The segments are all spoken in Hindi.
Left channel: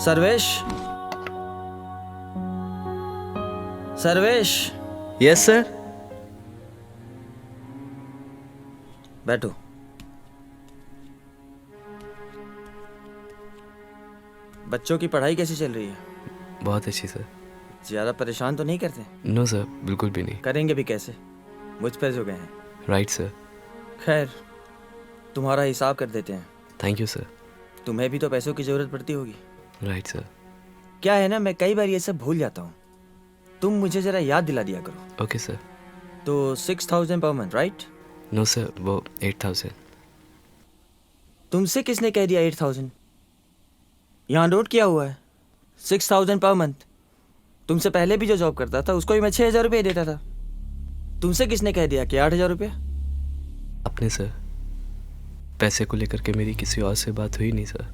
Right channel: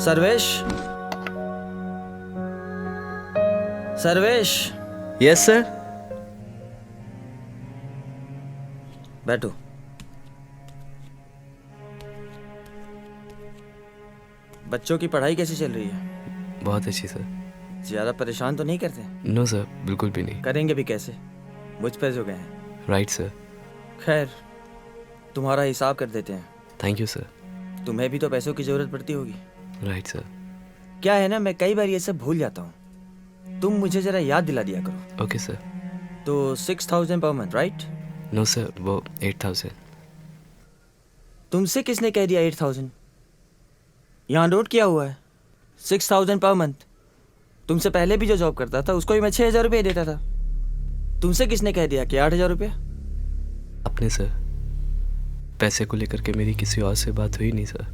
सर्वेश, सर्वेश। Yes sir. बैठो। बच्चों की पढ़ाई कैसी चल रही है? बहुत अच्छी सर। ज्यादा परेशान तो नहीं करते? नो सर, बिल्कुल भी नहीं। करेंगे भी कैसे, मुझ पे जो गए हैं। Right sir. खैर, तुम्हारा हिसाब कर देते हैं। Thank you sir. तुम्हें भी तो पैसों की जरूरत पड़ती होगी। Right sir. क्या है ना, मैं कई बार ये सब भूल जाता हूँ। तुम मुझे जरा याद दिला दिया करो। Okay sir. तो 6,000 per month, right? No sir, वो 8,000। तुमसे किसने कह दिया 8,000? यहाँ नोट किया हुआ है 6,000 पर मंथ। तुमसे पहले भी जो जॉब करता था उसको भी मैं 6,000 रुपये देता था। तुमसे किसने कह दिया कि 8,000 रुपये? अपने सर। पैसे को लेकर के मेरी किसी और से बात हुई नहीं सर।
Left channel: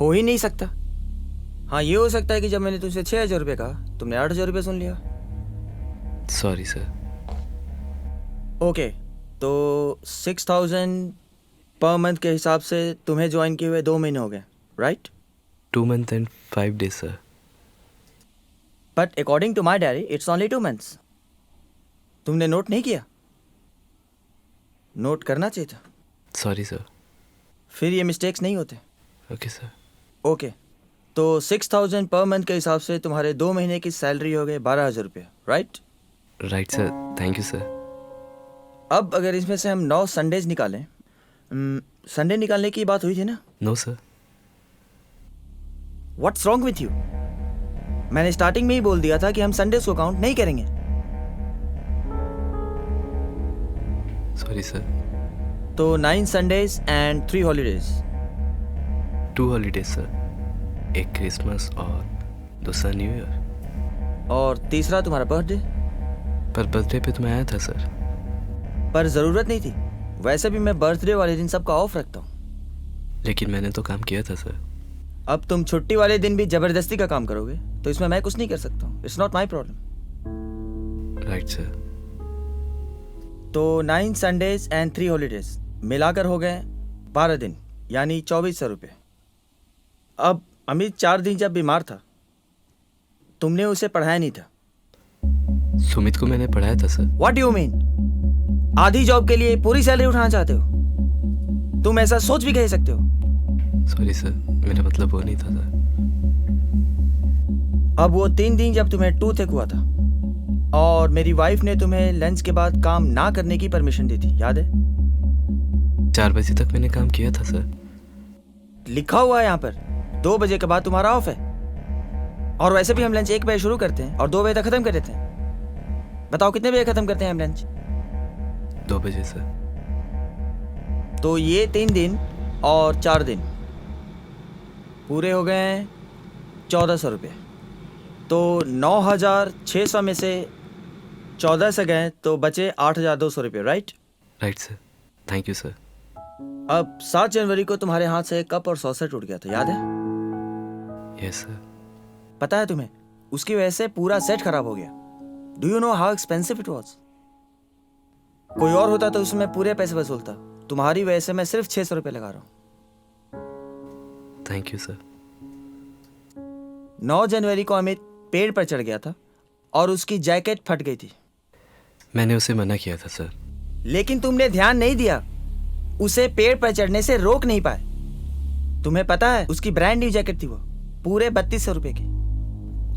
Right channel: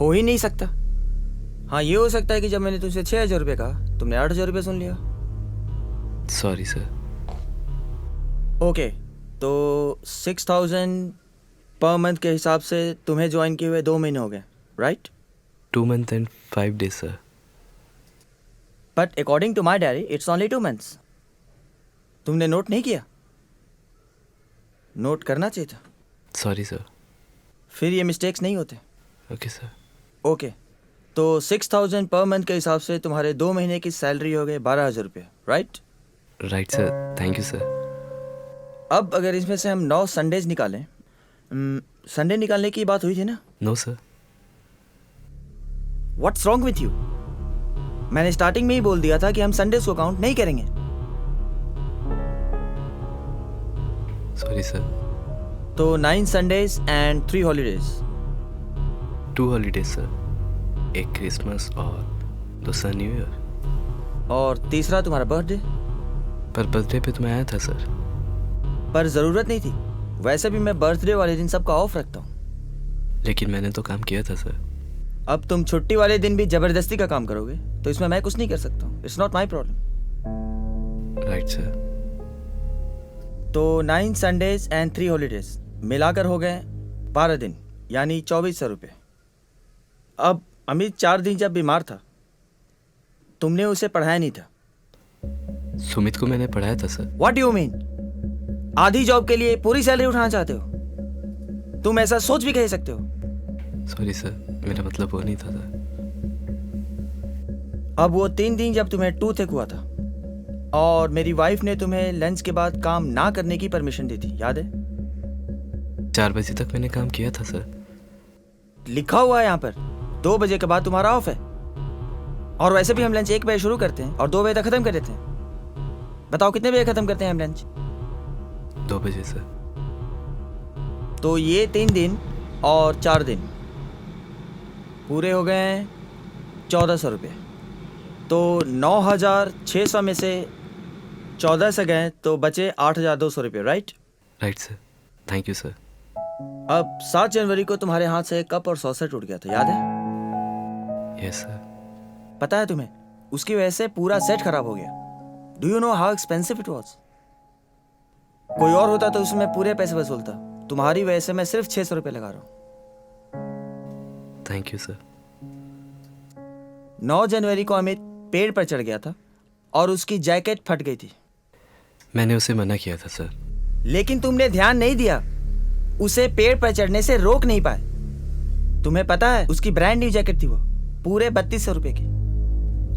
हो ही नहीं सकता। हाँ, ये हो सकता है कि जब मैंने तुमसे 6,000 रुपये कहा तुमने 8,000 रुपये सुन लिया। Sorry sir. ओके, तो 6,000 पर मंथ के हिसाब से तुम्हें ज्वाइन किए हुए 2 महीने हो गए, right? 2 months and 5 days sir. But according to my diary it's only 2 months. तुमने नोट नहीं किया? नोट करना चाहिए था। Sorry sir. फिर ये मिस्टेक्स नहीं होते। Okay sir. ओके, तो 6,000 पर मंथ के हिसाब से तुम्हारे 2 महीने की सैलरी हो गई 12,000 रुपये, right? Right sir, thank you sir. अब अगर इसमें से हम 9 संडेज निकालें, संडे निकालने की बात हुई थी ना? No sir. What's wrong with you? मैंने स्टार्टिंग में ही बोल दिया था कि हम संडेज को काउंट नहीं करेंगे। Sorry sir. तो 9 Sundays and 3 holidays. 2 holidays sir. एक क्रिसमस और दूसरा न्यू ईयर। और तीसरा तुम्हारा बर्थडे। पर बर्थडे पे तो मैं आया था सर। पर ज़रूरत नहीं थी, वैसे भी मैं बर्थडे वाले दिन सबका ऑफ रखता हूँ। लेकिन मैंने तो काम किया था सर। अब तुम छुट्टी वाले दिन भी ज़बरदस्ती का काम करोगे तो इसमें मैं कुछ नहीं कर सकता हूँ। It's not my problem. Right sir. तो 9 संडेज एंड 3 हॉलीडेज मिलाकर हो गए 12 दिन, यानी 2,400 रुपये। अब अमित 4 दिन जब बीमार था तुमने उसे पढ़ाया नहीं था। सुमित को मैंने पढ़ाया था sir. What do you mean? आधी जॉब के लिए पूरी सैलरी उठाना चाहते हो? तुम ऐसा सोच भी कह सकते हो? सॉरी सर, मेरा मतलब वो नहीं था सर। अब वो 3 दिन जब तुम्हें टूथ एक हुआ था और मेरी वाइफ ने तुम्हें लंच के बाद काम ना करने की परमिशन दी थी, याद है? 4 बजे तक मैंने काम किया था सर। लिखा हुआ है यहाँ पर 2 बजे के बाद तुम्हारा ऑफ है। और वैसे भी हम लंच 1 बजे शुरू करते हैं और 2 बजे तक खत्म कर देते हैं। बताओ कितने बजे खत्म करते हैं हम लंच? 2 बजे सर। तो ये 3 दिन और 4 दिन पूरे हो गए हैं 1,400 रुपये। तो 9,600 में से 14 से गए तो बचे 8,200 रुपये, right? Right sir, thank you sir. अब 7 जनवरी को तुम्हारे हाथ से कप और सॉसर टूट गया था, याद है? Yes sir. पता है तुम्हें, उसकी वजह से पूरा सेट खराब हो गया। Do you know how expensive it was? कोई और होता तो उसमें पूरे पैसे वसूलता। तुम्हारी वजह से मैं सिर्फ 600 रुपये लगा रहा हूँ। Thank you sir. 9 जनवरी को अमित पेड़ पर चढ़ गया था और उसकी जैकेट फट गई थी। मैंने उसे मना किया था सर। लेकिन तुमने ध्यान नहीं दिया, उसे पेड़ पर चढ़ने से रोक नहीं पाए। तुम्हें पता है उसकी ब्रांड न्यू जैकेट थी, वो पूरे 3,200 रुपये की।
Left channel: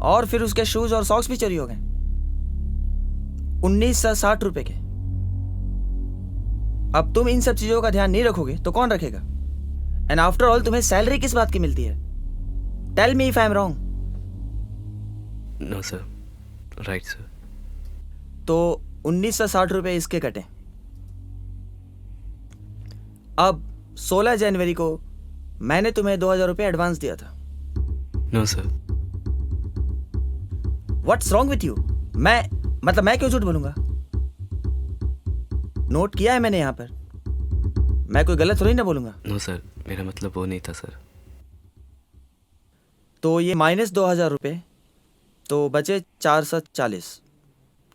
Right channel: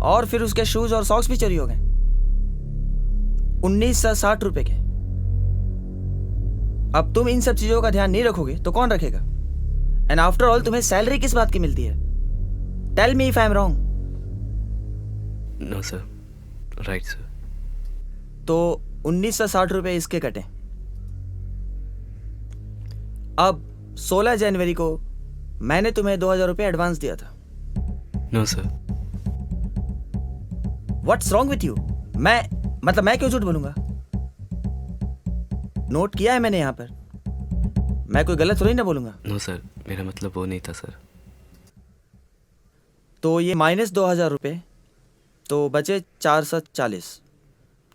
और फिर उसके शूज और सॉक्स भी चोरी हो गए 1,960 रुपये के। अब तुम इन सब चीजों का ध्यान नहीं रखोगे तो कौन रखेगा? एंड आफ्टर ऑल तुम्हें सैलरी किस बात की मिलती है? Tell me if I am wrong. No sir, right sir. तो 1,960 रुपये इसके कटे। अब 16 जनवरी को मैंने तुम्हें 2,000 रुपये एडवांस दिया था। No sir. What's wrong with you? मैं क्यों झूठ बोलूंगा? नोट किया है मैंने यहाँ पर, मैं कोई गलत थोड़ी ना बोलूंगा। नो सर, मेरा मतलब वो नहीं था सर। तो ये -2,000 रुपये, तो बचे 440,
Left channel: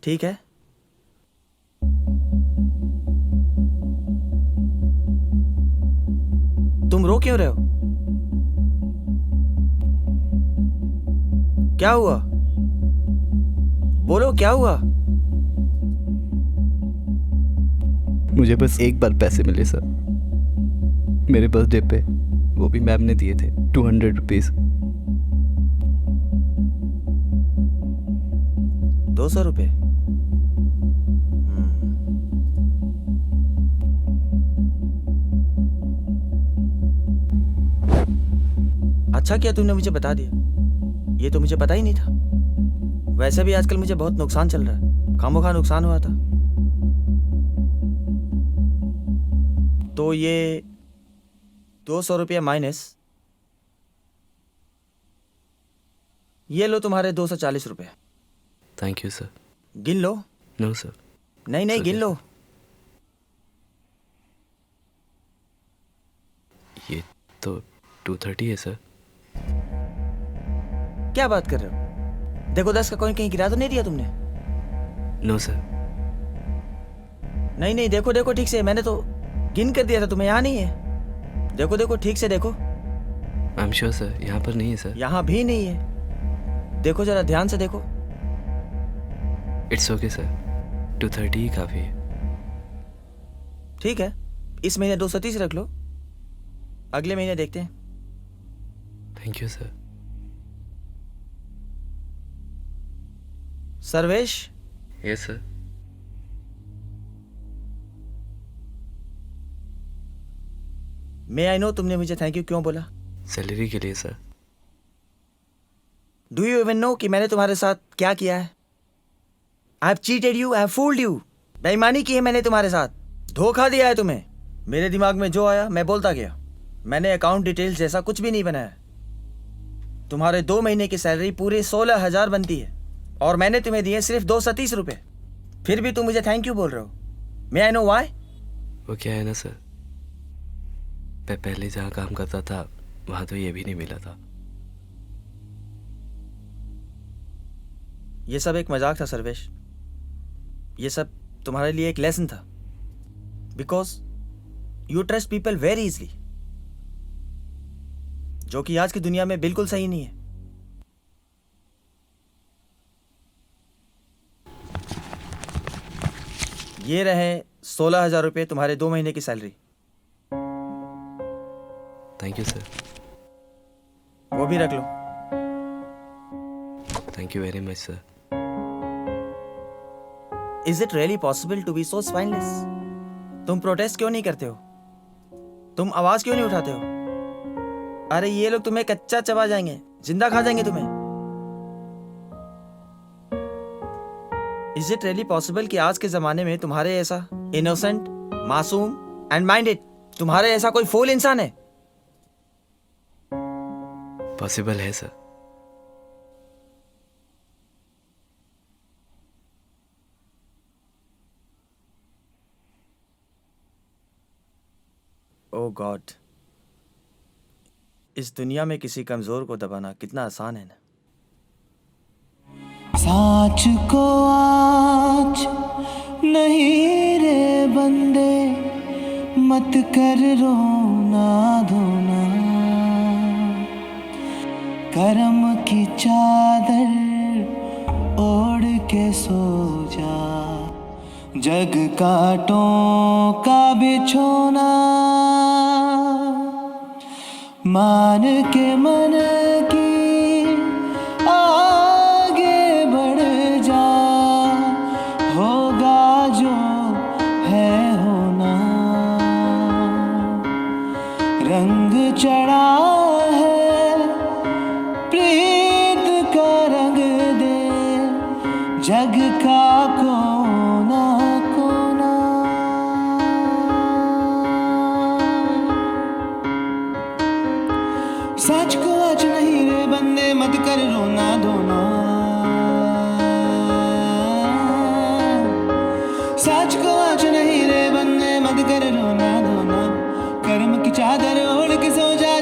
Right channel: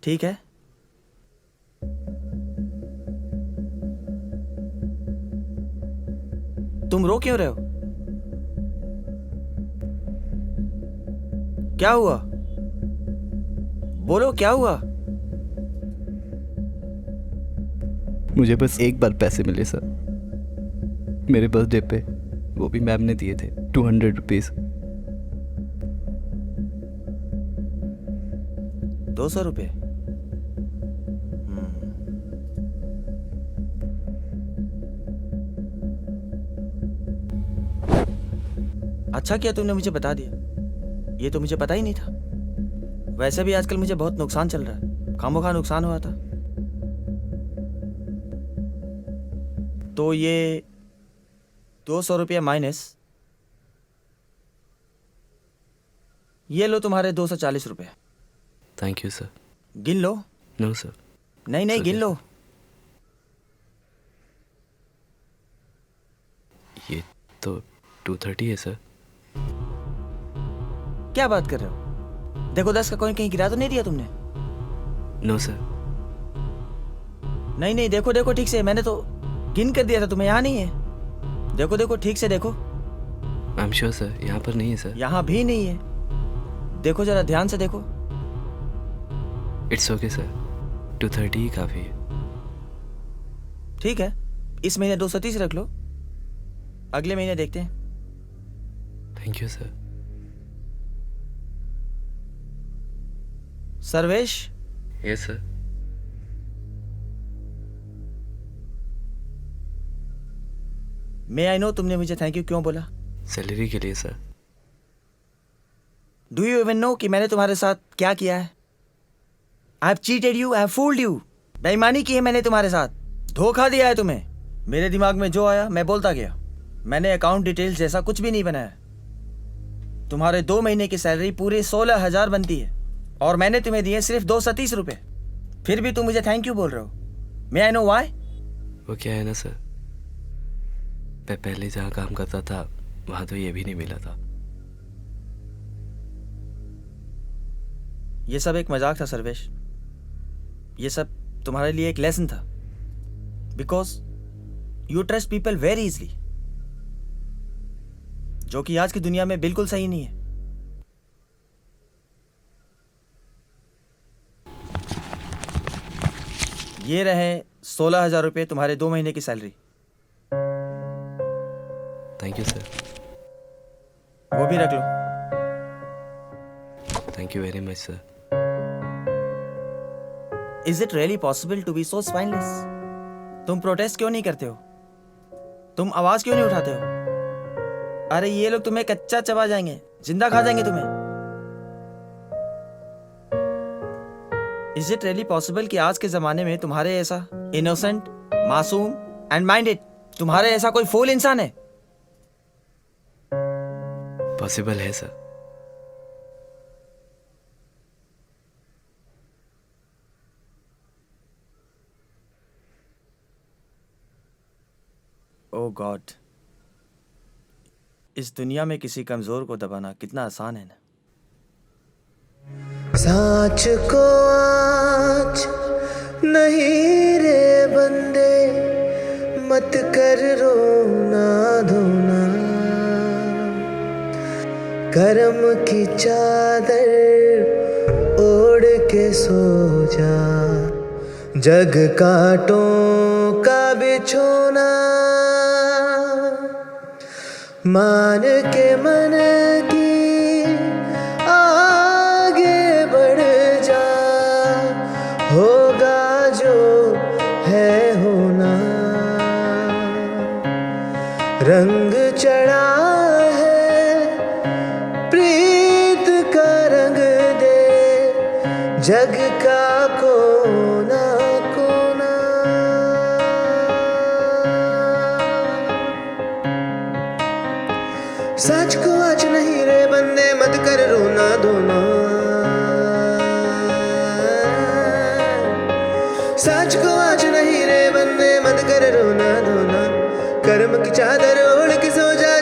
ठीक है? तुम रो क्यों रहे हो? क्या हुआ? बोलो क्या हुआ? मुझे बस एक बार पैसे मिले सर, मेरे बर्थडे पे, वो भी मैम ने दिए थे 200 रुपीज़। 200 रुपये? अच्छा किया तुमने मुझे बता दिया, ये तो मुझे पता ही नहीं था। वैसे भी आजकल मुझे बहुत नुकसान चल रहा है, खामोखा नुकसान हुआ था। तो ये 200 रुपये माइनस, ये लो तुम्हारे 240 रुपये। Thank you sir. गिन लो। No sir. नहीं नहीं, गिन लो। ये तो 230 है सर। क्या बात कर रहे हो? देखो 10 का कॉइन कहीं गिरा तो नहीं दिया तुमने? No sir. नहीं नहीं, देखो देखो ठीक से, मैंने तो गिन कर दिया था तुम्हें, यहाँ नहीं है। देखो देखो ठीक से देखो। आई एम श्योर सर, यहाँ पर नहीं है सर। यहाँ भी नहीं है, देखो जरा ध्यान से देखो। इट्स ओके सर, 230 ही काफ़ी है। ठीक है, इस महीने 230 रख लो, अगले महीने देखते हैं। Thank you sir. Sarvesh, yes sir. May I know तुमने मुझे थैंक यू क्यों बोला? सैलरी के लिए sir. Do you even know कि मैंने तुम्हारे साथ क्या किया है? I have cheated you, I have fooled you. बेईमानी की है मैंने तुम्हारे साथ, धोखा दिया है तुम्हें। मेरे दिमाग में जो आया मैं बोलता गया, मैंने अकाउंट डिटेल्स जैसा कुछ भी नहीं बनाया। तुम्हारे 2 महीने की सैलरी पूरे 16,000 बनती है और मैंने तुम्हें दिए सिर्फ 230 रुपये, फिर भी तुम मुझे थैंक यू बोल रहे हो। मे आई नो वाई? वो क्या है ना सर, मैं पहले जहाँ काम करता था वहाँ तो ये भी नहीं मिला था। ये सब एक मजाक था सर्वेश, ये सब तुम्हारे लिए एक लेसन था। Because you trust people very easily, जो कि आज की दुनिया में बिल्कुल सही नहीं है। ये रहे 16,000 रुपये तुम्हारे 2 महीने की सैलरी। Thank you sir. वो भी रख लो। Thank you very much sir. Is it really possible to be so spineless? तुम प्रोटेस्ट क्यों नहीं करते हो? तुम आवाज क्यों नहीं उठाते हो? अरे ये लोग तुम्हें कच्चा चबा जाएंगे, जिंदा खा जाएंगे तुम्हें। इज इट रियली पॉसिबल कि आज के जमाने में तुम्हारे ऐसा इनोसेंट, मासूम एंड माइंडेड, तुम्हारे ऐसा कोई फूल इंसान है? पॉसिबल है सर। ओ गॉड, इस दुनिया में किसी कमजोर को दबाना कितना आसान है ना। साच को आज नहीं रे बंदे, मत कर रोना धोना, करम की चादर ओढ़ के सो जा, जग कांटों का बिछोना, मान के मन की आगे बढ़ जा, होगा जो है होना, रंग चढ़ा है प्रीत का रंग दे, जग का कोना कोना। सच को आज नहीं रे बंदे मत कर रोना धोना, सच को आज नहीं रे बंदे मत कर रोना धोना, कर्म की चादर ओढ़ के सो जा